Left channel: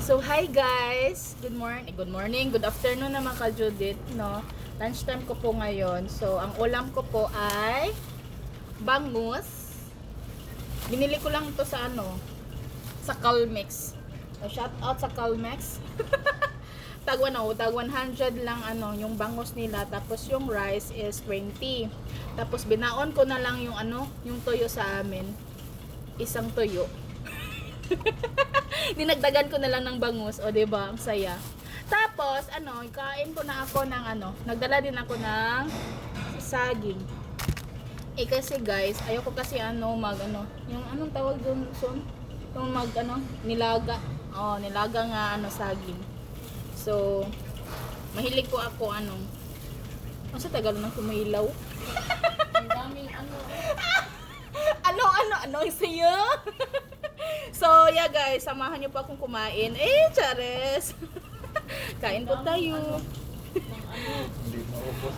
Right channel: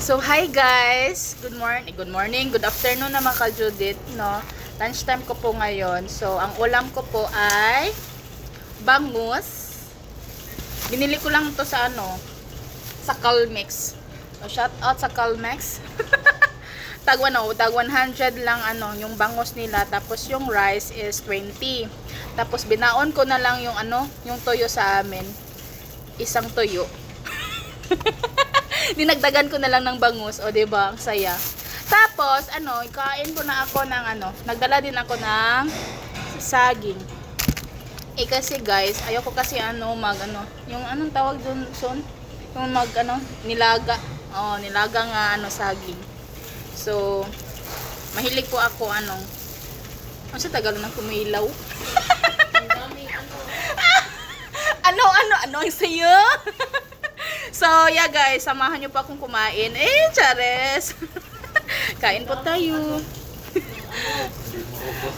So, hi guys! Good morning, good afternoon naman ka Judith, no? Lunchtime ko po ngayon. So, ang ulam ko po ay bangus. Binili ko lang to sa sa Calmex. So, shout out sa Calmex. tag 100 lang yung bangus nila. Tapos yung rice is 20. Tapos binaon ko na lang yung yung toyo sa amin. Isang toyo. Dinagdagan ko na lang ng bangus, o diba, ang saya. Tapos, kain ko na ako ng nagdala din ako ng saging. Kasi guys, ayoko kasi yung anong tawag doon, son? Yung nilaga. Oh, nilaga nga saging. So, mahilig po ako ano sa Tagalog ng kumilaw? Ang daming ano ang sayo? So, yeah guys, samahan nyo pa akong kumain. Chares! Kain po tayo.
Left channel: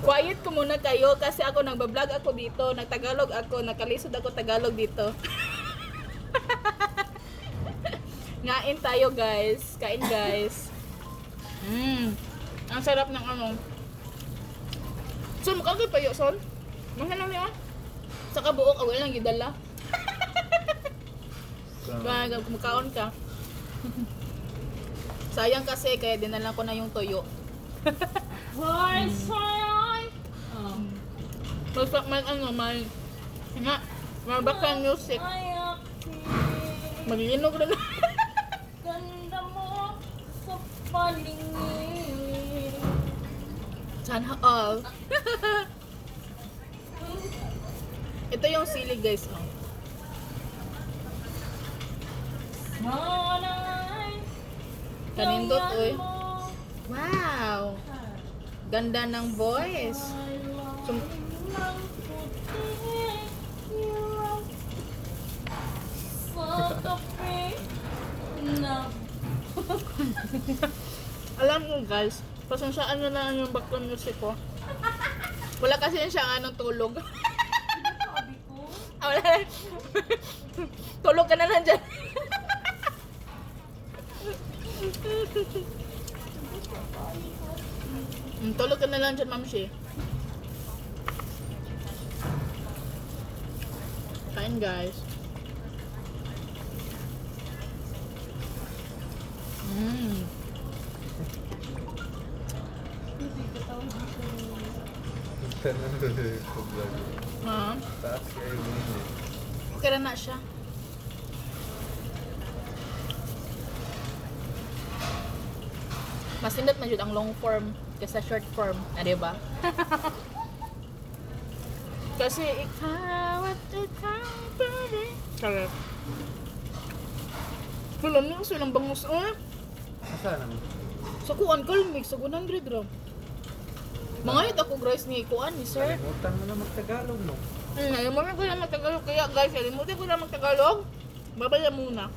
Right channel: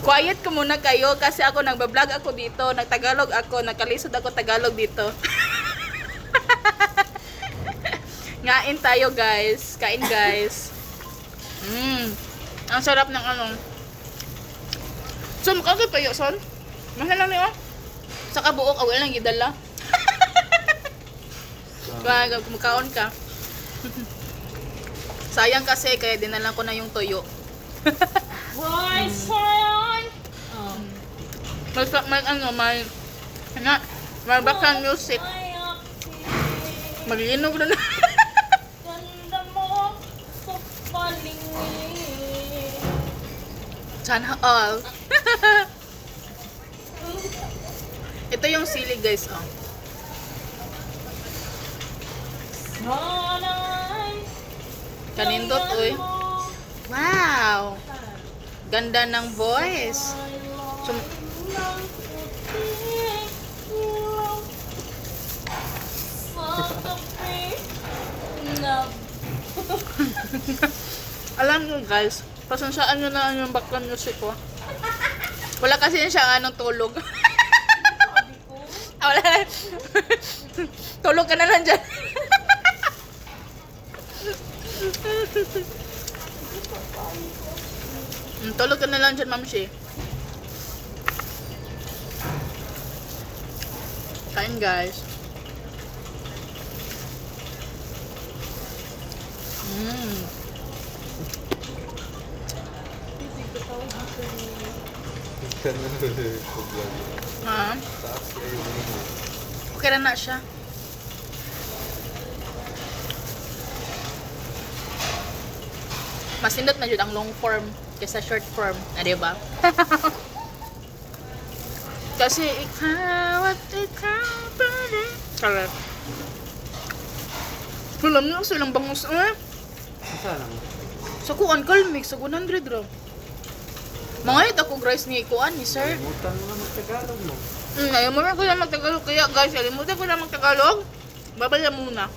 Quiet ko muna kayo kasi ako nagbablog ako dito. Nagtagalog ako, nakalisod ako Tagalog dito. Ngain tayo guys. Kain guys. Ang sarap ng Son, makakay pa yun, son? Mahal lang niyo. Sa kabuok, awal lang gidala. Kumakaon ka. Sayang kasi kaya dinalan ko na yung toyo. Why, sayang? May background music. Maglinog na. Ganda mo sa palingin. Sana all. Ito yung sili guys, Kanindot, uy. Wow! Ganda ng voice. Alam nyo guys, pasansaan nyo na yung background music ko. Wala kasi siya tulog. Wala na. Tulog ka na lang dyan. Tulog ka na lang dyan, Ma'am Shi. Kain, guys. Ha? Okay na siya. Mas nindot na ang long form kaysa short form. Diba? Kasi ikaw at ikaw pa rin. Correct. Alam niyo, silang bangus. Saan naman? Sa kuan Calmex, sa 100 raw. Mangayot ako guys ni kuan ni sir. Kalimutan mo na magtagalog mo. Ayaw mo na ko na magtagalog. Kaya guys, kalimutan ko na magtagalog. Babaya muna.